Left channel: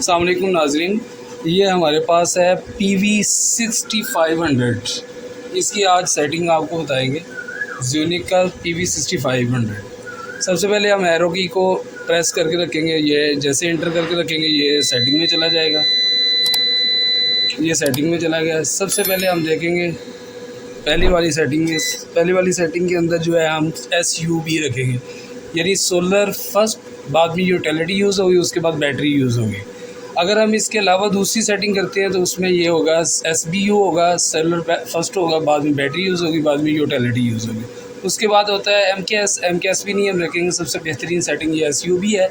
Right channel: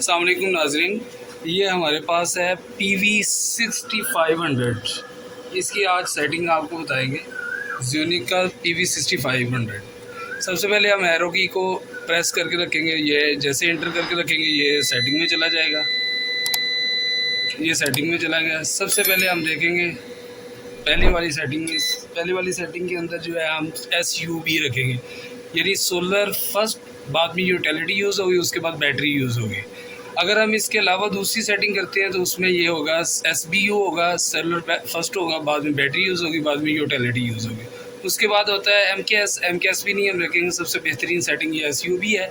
अस्सलाम वालेकुम नाजरीन, ये हमारे पास है PV6500। इसकी आज सेटिंग आपको बताएंगे। ज़्यूनिक का PV6500। सबसे पहले हम एरो की को प्रेस करके रखेंगे। ये जैसे इंटर करके रखेंगे ये सेटिंग में चला जाएगा। ये सेटिंग में चला गया। सबसे पहले हम देखेंगे पहली वाली सेटिंग में। पहली वाली सेटिंग के अंदर जो है हम SUB रखेंगे, यानी सोलर फर्स्ट, बाद में यूटिलिटी यूज़ होगी, उसके बाद बैटरी यूज़ होगी। अगर हम इसके अलावा दूसरी सेटिंग करते हैं तो उसमें ये होगा SBU होगा, सेलुलर फर्स्ट होगा, बाद में बैटरी यूज़ होगी, बाद में यूटिलिटी यूज़ होगी। उसके बाद होता है MKS भी नहीं हम रखेंगे। सबसे बेहतरीन सेटिंग ये SUB है।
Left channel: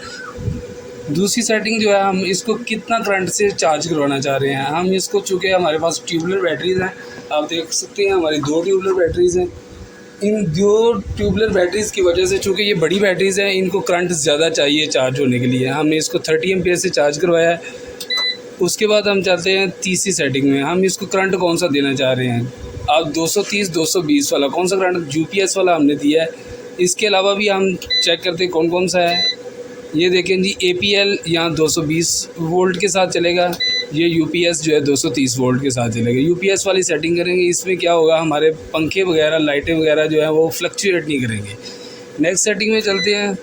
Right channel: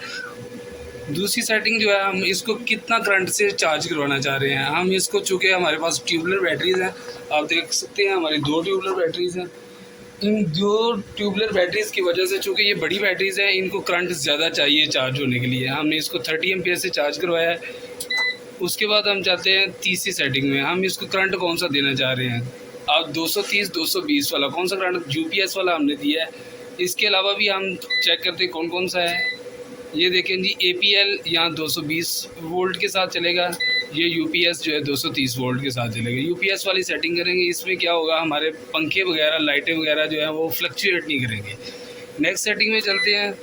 दूसरी सेटिंग जो है हम इसको कितना करंट से चार्ज करवाना चाह रहे हैं। हम इसको, चूँकि हमारे पास ट्यूबुलर बैटरीज़ हैं, आप देख सकते हैं हमारी 2 ट्यूबुलर बैटरीज़ हैं। इन 2 ट्यूबुलर बैटरीज़ की वजह से, चूँकि ये बड़ी बैटरीज़ हैं, इनको करंट ज़्यादा चाहिए चार्ज होने के लिए। हमने इसको 30 एम्पीयर से चार्ज करवाया है। उसके बाद हम चलते हैं तीसरी सेटिंग में। हम इसको करंट कौन सा देना चाह रहे हैं। आप 230 220 वाला कौन सा करंट, UPS वाला हमने दिया है। इसके अलावा भी हम चेक करते हैं कौन कौन सा है। ये देखें जी, APL यहाँ 220 वोल्ट के साथ चलेगा। ये UPS जो है 230 वोल्ट के साथ चलेगा। UPS वाली सेटिंग करेंगे। इसमें क्या होगा, हमारे पंखे वगैरह, लाइटें वगैरह जो है वो फ्लक्चुएट नहीं करेंगे। नेक्स्ट सेटिंग में चलते हैं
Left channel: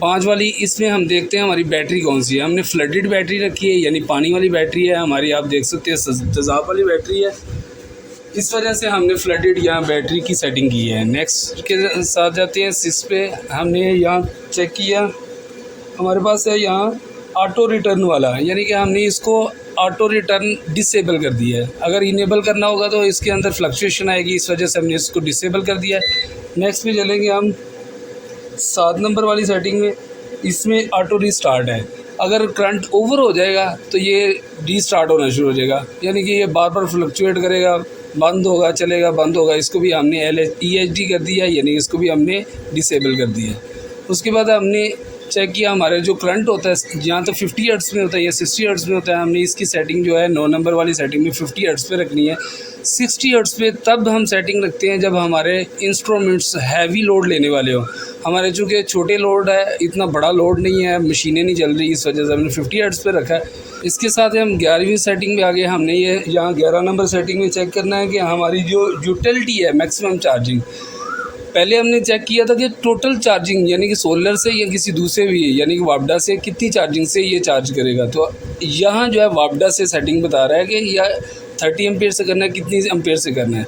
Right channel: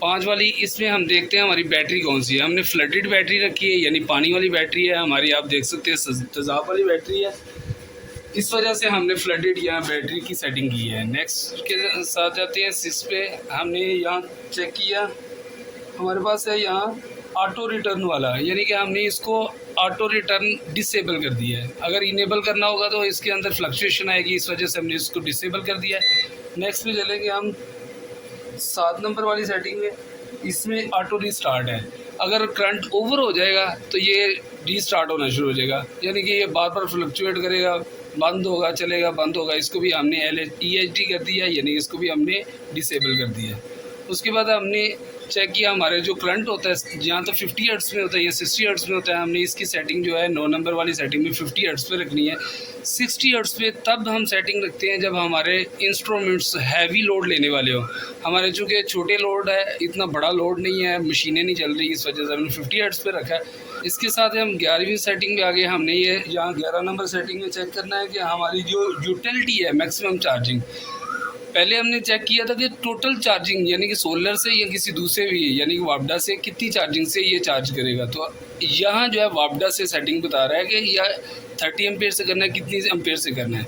5 वाली। इसमें हम देखते हैं हमारी बैटरी कौन सी है। हमने फ्लडेड बैटरी रखी है, यानी पानी वाली बैटरी है हमारी। आप देख सकते हैं तेज़ाब वाली बैटरी है। इस वजह से हमने फ्लडेड यहाँ बैटरी की सेटिंग की है। नेक्स्ट के साथ जाते हैं 6 पे। हमने यहाँ चेक किया, हमारे पास है यहाँ ऑटो रिटर्न वाला, यानी कि हमने इसको ऑटो रिटर्न डिसेबल कर दिया है। अगर इनेबल करना होगा तो इसके अंदर फ्लक्चुएशन आएगी, इस वजह से हमने इसको डिसेबल कर दिया है। नेक्स्ट पे चलेंगे हम 7 नंबर वाली सेटिंग में। इसमें ऑटो रीस्टार्ट है। अगर करंट ओवर हो जाएगा तो ये रीस्टार्ट होना शुरू हो जाएगा, यानी कि ये बार बार फ्लक्चुएट करेगा, बंद होगा, चलेगा, बंद होगा। इसको भी हमने EHD कर दिया है, यानी इसको भी हमने डिसेबल कर दिया है। उसके बाद हमने चेक किया हमारे जो करंट होता है यहाँ तो 50 हर्ट्ज़ में होता है या 60 हर्ट्ज़ में होता है। हमने इसकी सेटिंग जो है 9 नंबर वाली सेटिंग में 50 हर्ट्ज़ पे रखनी है। 60 हर्ट्ज़ पे तब हम सेटिंग रखते हैं जब हमारे इंस्ट्रूमेंट्स हैवी लोड लेने वाले हो। हमारे चूँकि छोटे लोड है, इतना बड़ा लोड नहीं है, मशीनें नहीं चल रही, इस वजह से हमने 50 हर्ट्ज़ पे रखा है। इसके साथ हम 11वीं सेटिंग में आ गए। हमने ये यहाँ 11 नंबर सेटिंग में चेक करना है कि हमारी जो यूटिलिटी है, मैक्सिमम चार्जिंग। पहले हमने चेक किया था कि टोटल चार्जिंग, यानी कि सोलर से या किसी दूसरे भी, यानी कि वापडा से कितनी चार्जिंग से ये चार्ज करेगा। तो यहाँ जो है वापडा से सेटिंग बता रहा है कि यह 30 एम्पेयर से करना है, कितनी एम्पेयर से करना है।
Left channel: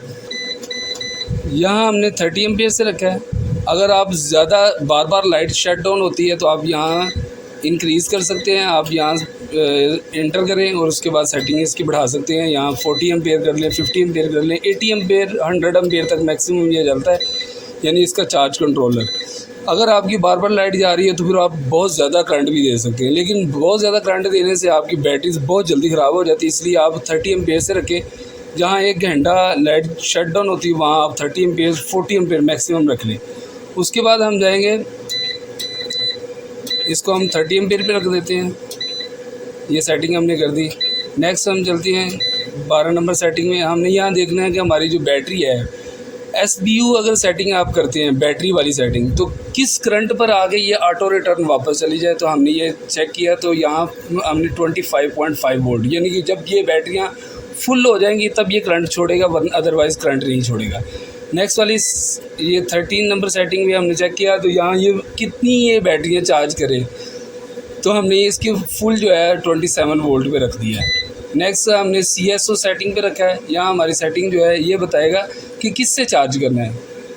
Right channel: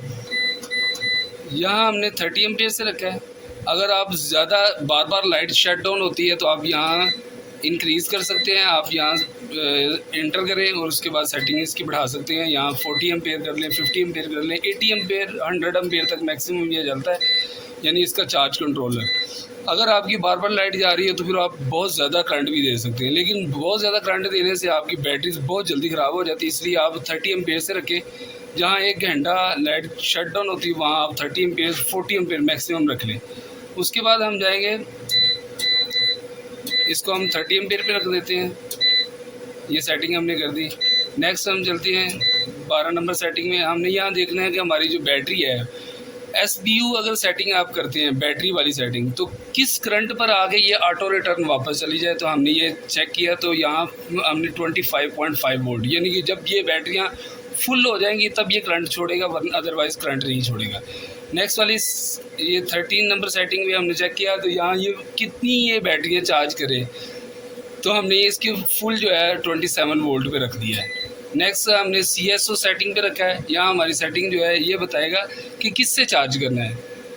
यहाँ हमने 30 एम्पेयर से रखा है। अगर आप ज़्यादा बार बार लाइट शट डाउन होती है तो आप यहाँ इंक्रीज़ कर सकते हैं। आप यहाँ एंटर करें और उसके बाद सेटिंग इसकी बढ़ा सकते हैं। यहाँ 40 एम्पेयर कर लें, 50 एम्पेयर कर लें, 80 एम्पेयर, 100 एम्पेयर तक मैक्सिमम ये चलता है, यानी इसका चार्ज कंट्रोलर। अगर आपकी बार बार लाइट जा रही है तो फिर आप बहुत ज़्यादा करंट भी दे सकते हैं, लेकिन बहुत ज़्यादा करंट देने से आपकी बैटरीज बहुत जल्दी ख़राब हो जाती है। इसलिए आप 30 एम्पेयर से रखें। जहाँ 1 घंटा लाइट शट डाउन होती है वहाँ आप 30 एम्पेयर, 40 एम्पेयर मैक्सिमम रख लें। उसके बाद हम जाएंगे, इसको हम 30 एम्पेयर पे रख देते हैं। ये सेटिंग हमने कर दी। नेक्स्ट हम चलते हैं 12 नंबर सेटिंग में। हमने यहाँ देखना है कि हमारी जो बैटरी है, SBU अगर सेटिंग आप करते हैं बैटरी वाली सेटिंग, तो किस करंट पर आगे ये ऑटो रिटर्न वापस चली जाए। तो हमने ये चेक किया, तो यहाँ हमने 25.5 वोल्ट, यानी कि जब ये बैटरियाँ फुल हो जाएंगी तब ये करंट छोड़ेगा, वरना अदरवाइज़ करंट नहीं छोड़ेगा। नेक्स्ट वाली ये 13 नंबर सेटिंग में हमने चेक किया, तो यहाँ ये कितनी ये बैटरियाँ चार्ज करे, तो हमने इसकी फुल जो है 27 वोल्ट पे रख दिया है। नेक्स्ट हमने CSO सेटिंग पे रखा है। यहाँ हमारी सेटिंग जो है ये बताएगा कि किससे चार्ज करना है।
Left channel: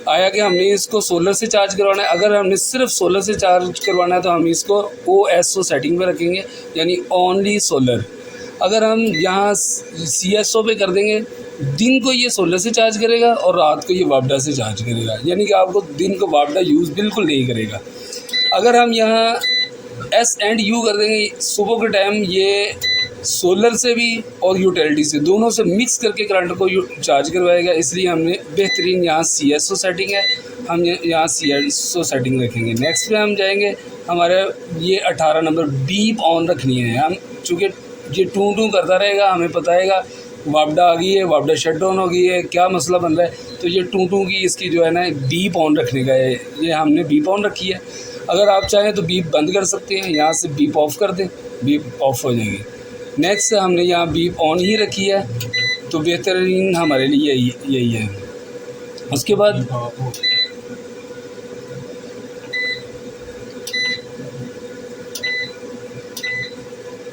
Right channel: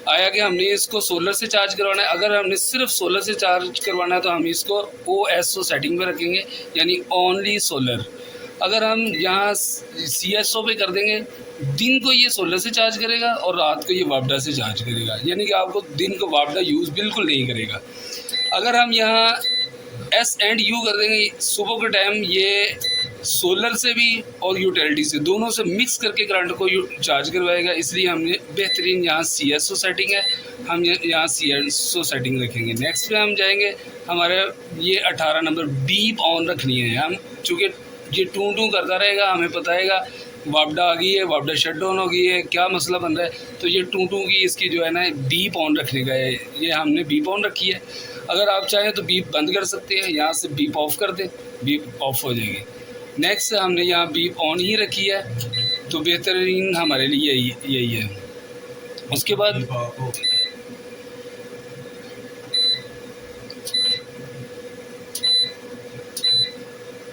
आया कि हमने इसको सोलर से चार्ज करवाना है। अगर हमने सिर्फ सोलर से चार्ज करवाना है तो हम इसको OSO सेटिंग पे रखेंगे, यानी ओनली सोलर। अगर हम यहाँ CSO पे कर देंगे, दिन को ये सोलर से चार्ज करेगा और रात को ये वापडा से चार्ज करेगा, यानी कि आपको दिन को वापडा यूज़ बिल्कुल नहीं करेगा। अगर हम यहाँ S&U कर देंगे, सुबह के टाइम ये सोलर से भी और यूटिलिटी से, दोनों से मिक्स करके करंट को चार्ज करवाएगा। इसलिए हमने बेहतरीन यहाँ CSO सेटिंग है, हम यहाँ CSO सेटिंग रखेंगे। नेक्स्ट पे हम जाएंगे, हमारे ये 18 नंबर बीप ऑन रखनी है। हम चूँकि ये टू टू करता रहेगा, हमें बताएगा वापडा आ गई है, वापडा शट डाउन हो गई है, क्या मसला बन रहा है। तो ये टू टू की इसकी जो है ना बीप ऑन रखने का है, ये हमने बीप ऑन रखी है। अगर आप चाहें तो बीप बंद कर सकते हैं, यहाँ से बीप ऑफ कर दें, बीप ऑफ हो जाएगी। नेक्स्ट हमने यहाँ बीप ऑन ही रखी है, तो बेहतरीन हमारे लिए यही है। उसके बाद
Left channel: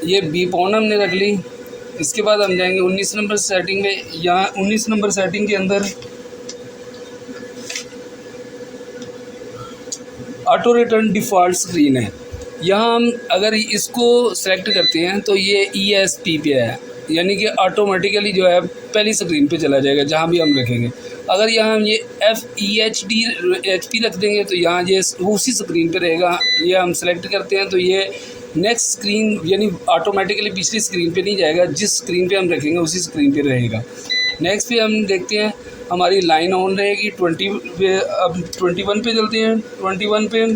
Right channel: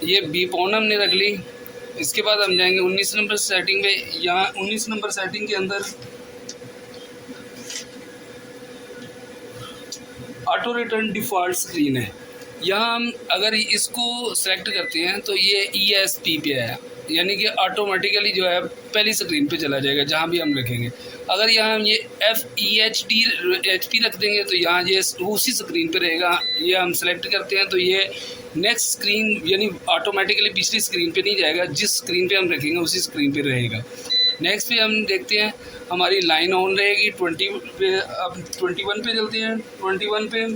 ये बीप ऑन हमने रख ली। इसके बाद हम जाएंगे 19 नंबर सेटिंग में। यहाँ 19 नंबर सेटिंग के अंदर ऑटो रिटर्न डिफ़ॉल्ट स्क्रीन है। यहाँ हम अगर इसको सेलेक्ट करते हैं तो ये ESP पे है, यानी कि ऑटोमेटिकली जो है पहली स्क्रीन पे चला जाएगा जहाँ भी हम रखेंगे। अगर यहाँ हम ये FEHD रख देंगे तो यहाँ ये उसी स्क्रीन पे रहेगा। ये हम सेलेक्ट करते हैं तो ये नेक्स्ट स्क्रीन यानी ऑटोमेटिकली पिछली स्क्रीन पे नहीं जाएगा, जिस स्क्रीन पे हम रखेंगे उसी स्क्रीन पे रहेगा। नेक्स्ट पे हम देखते हैं हमारी लाइन ऑन रहेगी 20 पे। अब 21 पे चलते हैं। 21 पे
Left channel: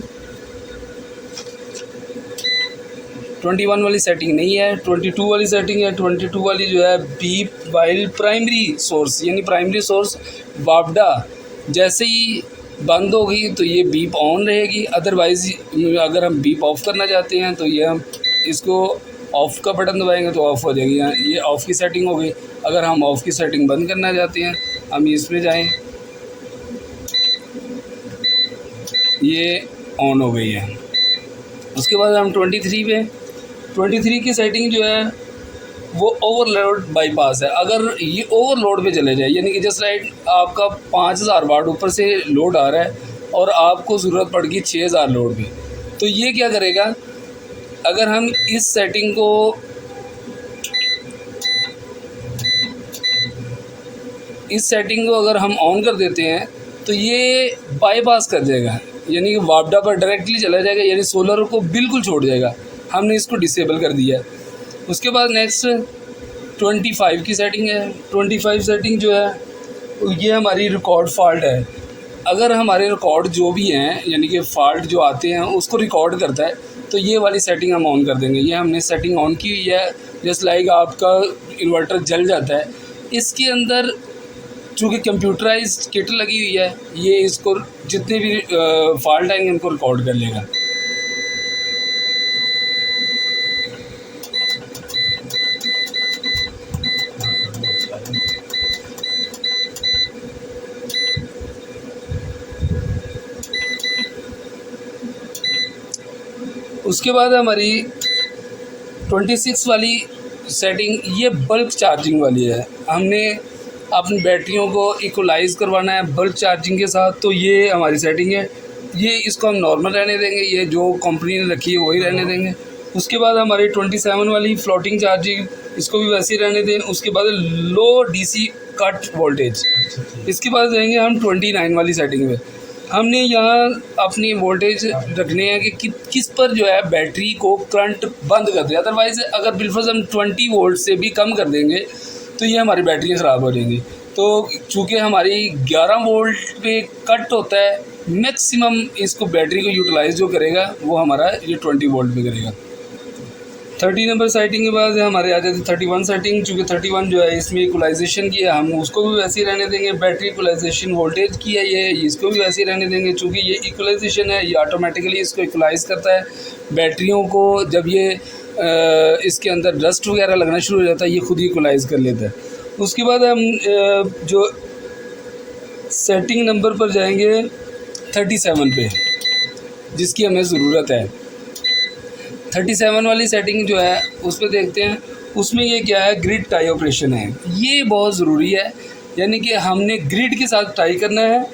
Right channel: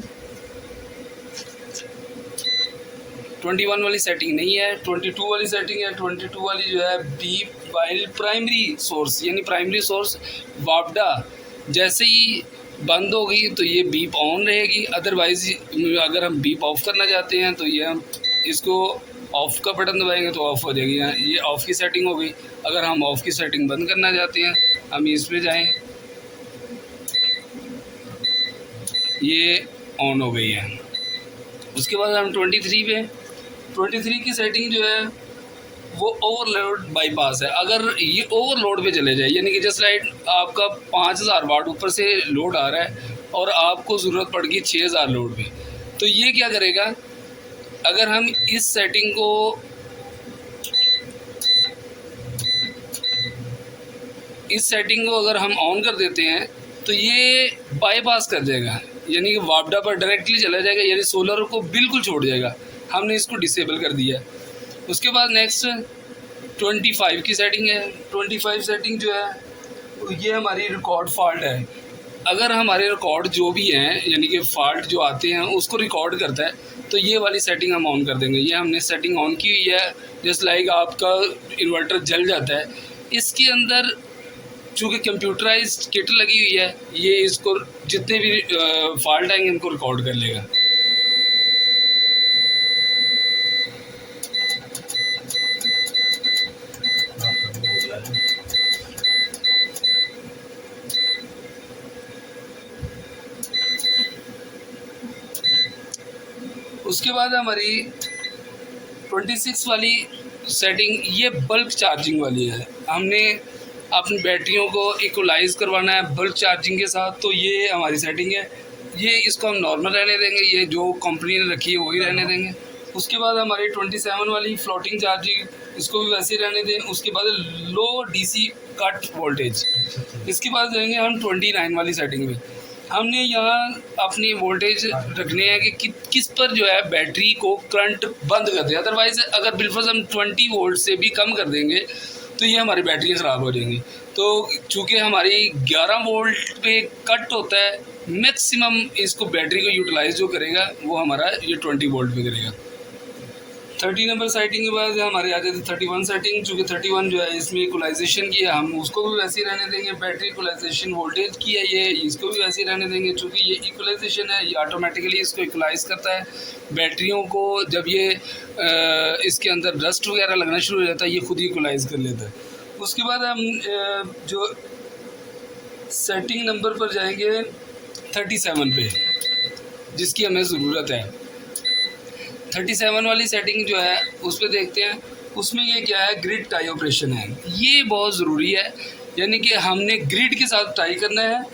21 वाली सेटिंग नहीं है, 22 वाली सेटिंग है। 22 वाली जो है बीप वाइल प्राइमरी सोर्स, यानी प्राइमरी सोर्स वापडा जैसे ही बंद होगी तो ये बीप ऑन रहेगी। अदरवाइज़ अगर हम बीप ऑफ़ करना चाहते हैं तो ये हम इसको ऑफ़ का बटन दबाएंगे तो ऑफ़ हो जाएगी। ये ऑफ़ की सेटिंग हो गई। अगर हम ऑफ़ की सेटिंग बंद करना चाहते हैं हम इसमें जाएं, ये ऑन हो गई है। उसके बाद हम 23 की सेटिंग जो है वो ओवरलोड बाईपास है। अगर ये ओवरलोड पे चले जाए, यानी कि जस्ट लाइक आपका 5000 वाट ऊपर से लोड आ रहा है और आपको ज़रूरत पड़ गई 6000 लोड पे, तो ये क्या करेगा, अगर हम इस सेटिंग को अगर हम ऑन कर देते हैं तो ये बाईपास कर देगा, यानी कि वापडा पर डायरेक्टली चला जाएगा, यानी सोलर को बिल्कुल छोड़ जाएगा। हमने इसको डिसेबल कर दिया। उसके बाद नेक्स्ट 25 की सेटिंग है। 25 सेटिंग जो है ये हमारी रिकॉर्ड फॉल्ट है। अगर हमारे रिकॉर्ड जो भी हैं यानी कि फ़ॉल्ट जो आते हैं उसको रिकॉर्ड करता है तो ये वाली सेटिंग हम ऑन कर देंगे। ये हमने सेटिंग ऑन की हुई है। जस्ट लाइक आपका इन्वर्टर जल जाता है, इसके अंदर चूँकि कंप्यूटराइज्ड किट लगी हुई है, ये इसको जितने भी फॉल्ट आएंगे उनको रिकॉर्ड कर लेगा। उसके बाद हमारी 26 वाली सेटिंग ये बल्क चार्जिंग वाली है। हमने अपनी बैटरियों को इक्वलाइज़ करवाना है बल्क चार्जिंग के साथ, तो ये हमारी सेटिंग है। ये इसको हम नॉर्मल रहने देंगे, ये जो कंपनी ने रखी है वही रहने देंगे। उसके बाद हमारी 27 वाली फ्लोटिंग चार्जिंग, इसको भी वैसे ही रहने दें। उसके बाद लो DC कट वोल्टेज। इसके बाद जाएंगे हम 29 वाली सेटिंग में। हमने यहाँ अपनी वोल्टेज रखने हैं कि किस पर जो है बैटरी को करंट बंद कर दे। अदरवाइज़ अगर बिलफर्ज हम 20 वोल्ट से भी कम कर देंगे तो ये हमारी बैटरियाँ ख़राब हो जाएंगी। तो चूँकि हमारी 11 वोल्ट पे कट होता है, मैक्सिमम इसको बैटरी को यूटिलाइज़ जो करेगा वो हमारा ये 20 वोल्ट पे करेगा। 30 नंबर सेटिंग के बाद हमारे आ जाते 31 सेटिंग। चूँकि 31 जो है इसमें इक्वलाइजेशन की है, हम उसको भी वैसे ही रहने देंगे। बैटरी इक्वलाइजेशन वोल्टेज की है, ये इसको भी वैसे ही रहने देंगे। चूँकि ये इक्वलाइजेशन है, ये ऑटोमेटिकली इसको इक्वलाइज़ करता है बैटरियों को। जब ये इसके अंदर डस्ट वगैरह लगना शुरू हो जाता है ये खुद ही इक्वलाइज़ कर लेता है। उसके बाद हम जो सेटिंग नंबर पर जाएंगे 37 पे, जिसकी हमें ज़रूरत है। 37 वाली सेटिंग जो है उस पर देखते हैं। उसमें ये क्या है, ग्रिड टाई ऑपरेशन है। ये बहुत ज़रूरी है, यानी कि हमने ग्रिड के साथ टाई करना है।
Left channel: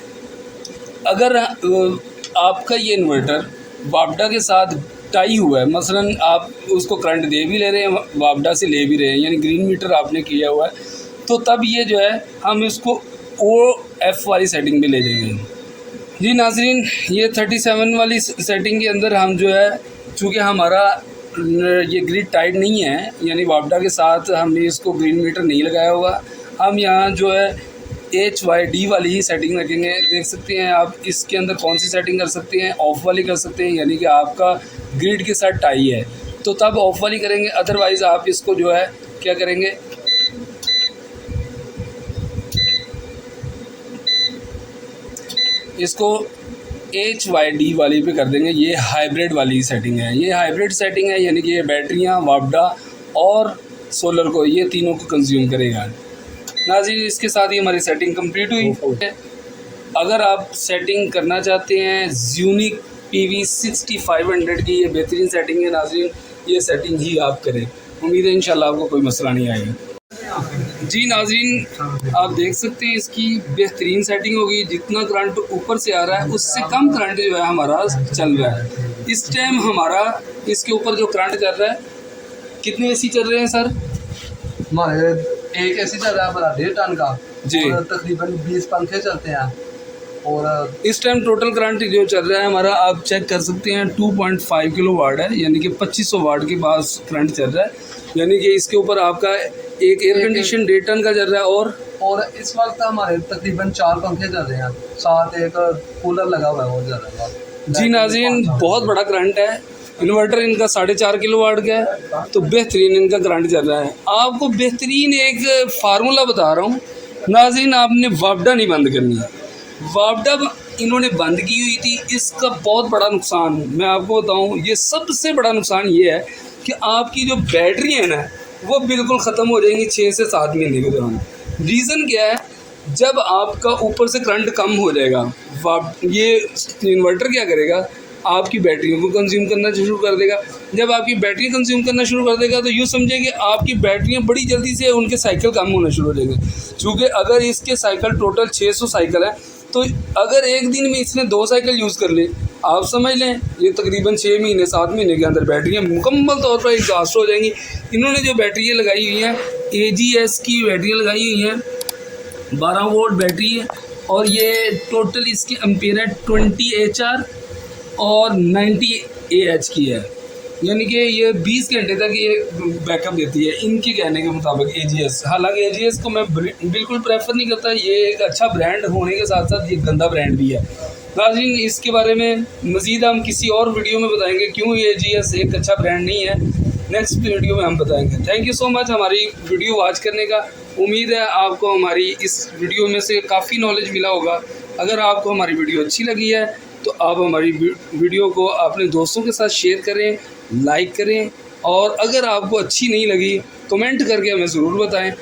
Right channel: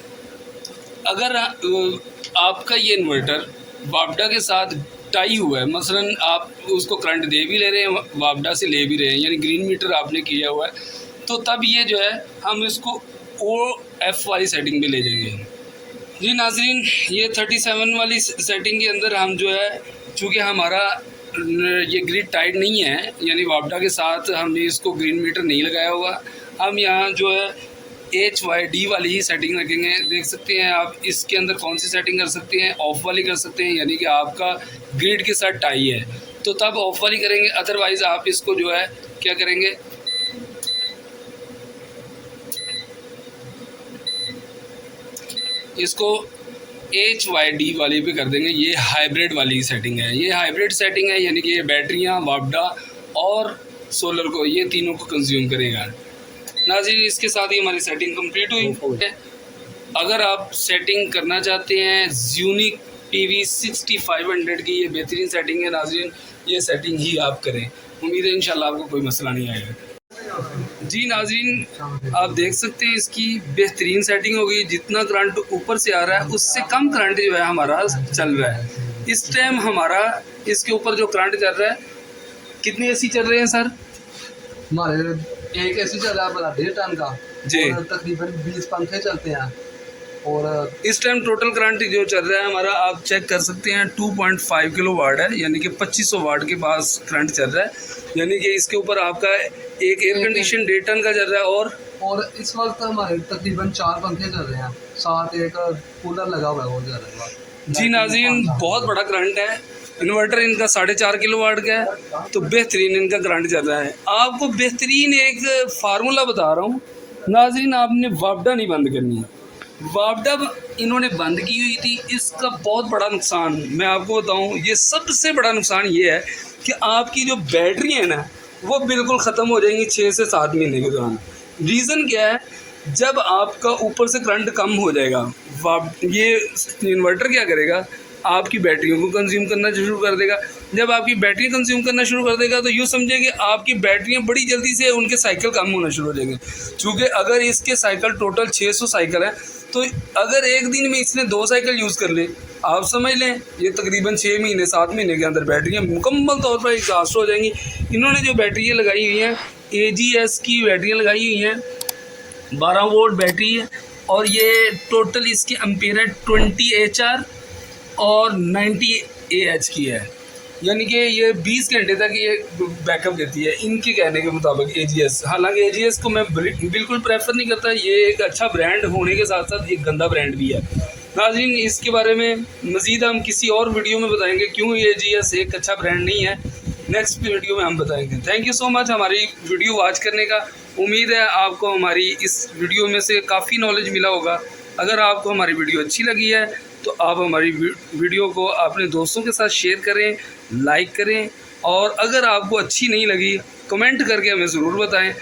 अगर आपका ये इन्वर्टर वापडा के साथ टाई हुआ है, मसलन आप उसको करंट दे भी ले रहे हैं, वापडा से ले भी रहे हैं, यानी ग्रीन मीटर आपने किया हुआ है, तो तब ये जो है हम इसको OF वाली सेटिंग में ले जाएंगे। जी नाज़रीन, ये 37 वाली सेटिंग के अंदर हम जो है, चूँकि हमारा ये ग्रिड टाइट नहीं है, यानी वापडा के साथ हमने इसको ग्रीन मीटर नहीं लगाया हुआ, हम यहाँ जो है HYD वाली ही सेटिंग रखेंगे। देख सकते हैं आप इसके अंदर कौन सी सेटिंग कर सकते हैं, ऑफ़ वाली कर सकते हैं, यानी कि आपका ग्रिड के साथ टाई है तो तब ऑफ़ वाली करेंगे। अदरवाइज़ आप इसको जो है क्या करेंगे, इसको HYD वाली पे कर देंगे। ये हाइब्रिड वाली सेटिंग है, ये हाइब्रिड सेटिंग है, यानी कि ये बैटरियाँ, वापडा और सोलर को, ये तीनों को कंज्यूम करेगा। नाज़रीन, इसके साथ ही हमारी सेटिंग कंप्लीट हुई है। अगर आप सेटिंग करना चाहते हैं यूनिक PV 6500 की, ये बेहतरीन सेटिंग है नाज़रीन, ये सेटिंग ही आप करें। उम्मीद है इंशाल्लाह आपको कोई मसला नहीं आएगा। जी नाज़रीन, आप देख सकते हैं इसकी बेहतरीन सेटिंग होगी। जितना करंट ऊपर से आ रहा है उससे कम करंट जो है हमारा चल रहा है। इस टाइम हमारा इसके ऊपर जो करंट चल रहा है, कितने AC चल रहे हैं सर? हमारे एक AC चल रहा है हमारा 1.5 टन का जी, और तकरीबन 20 पंखे चलते हैं। और इस टाइम टोटल करंट जो चल रहा है हमारा, आप चेक कर सकते हैं 2.5 किलो वाट है, यानी कि 2500 वाट के पास करंट चल रहा है। यानी कि इसके ऊपर आपका एक एयर कंडीशन 1.5 टन का चल रहा है। और इस वक्त हमारे तकरीबन 4 पंखे चल रहे हैं, साथ एक कूलर लगा हुआ है वो चल रहा है। जी नाज़रीन, बहुत बड़ा करंट है। इन्वर्टर इनका 4.5 किलो वाट का है, तो बेहतरीन इनका करंट चल रहा है। आपको बेहतरीन एक फार्मूला बता रहा हूँ नाज़रीन, आपने वापडा नहीं बंद करनी है। वापडा इन्होंने बंद की हुई थी, इसका बहुत बड़ा नुकसान मैं आपको बताऊँ, ये सबसे बड़ा नुकसान ये है कि आपकी जो बैटरी है ना, वो बिल्कुल ख़त्म हो जाएंगी 6 से 7 महीने के दौरान। रीज़न क्या है? जब आपका ऊपर से करंट कम हो जाएगा, ये इन्वर्टर क्या करेगा, आपकी बैटरियों को कंज्यूम करना शुरू कर देगा। जब आपकी बैटरी कंज्यूम करना शुरू कर देगा तो यूँ समझिए कि आपकी बैटरियाँ बड़ी जल्दी से उनके साइकिल कम होना शुरू हो जाएंगे। चूँकि अगर इसके साइकिल टोटल 600 साइकिल है, तो अगर एक दिन में इसने 2 साइकिल यूज़ कर ले, आप समझ लें ये तकरीबन 6 महीने 7 महीने के अंदर बैटरियाँ मुकम्मल तौर पर एग्जॉस्ट हो जाएंगी। इन्होंने जो बैटरियाँ लगाई हुई हैं, AGS की बैटरियाँ लगाई हुई हैं, 12 वोल्ट बैटरी है, और ये टोटल इसकी एम्पीयर है 20 HR और 90 AH की है। यानी कि ये 20 घंटे तक ये बैकअप देती है इनके कहने के मुताबिक AGS। हालांकि AGS को मैं बिल्कुल प्रेफर नहीं करता, ये एक अच्छा ब्रांड होने के साथ साथ ये गंदा ब्रांड भी है। नाज़रीन, इसके बारे में मज़ीद हम किसी और वीडियो में बताएंगे क्यों ये AGS एक अच्छा ब्रांड नहीं है। नेक्स्ट वीडियो में हम बताएंगे। थैंक यू सो मच हमारी वीडियो वॉच करने का। उम्मीद है आपको हमारी इस वीडियो में से काफ़ी नॉलेज मिला होगा। अगर आपको हमारी वीडियो अच्छी लगी है तो आप हमारी वीडियो को अपने दोस्तों के साथ शेयर करें, लाइक करें, और अगर आपको अच्छी नहीं लगी कमेंट करके हमें ज़रूर बताएं।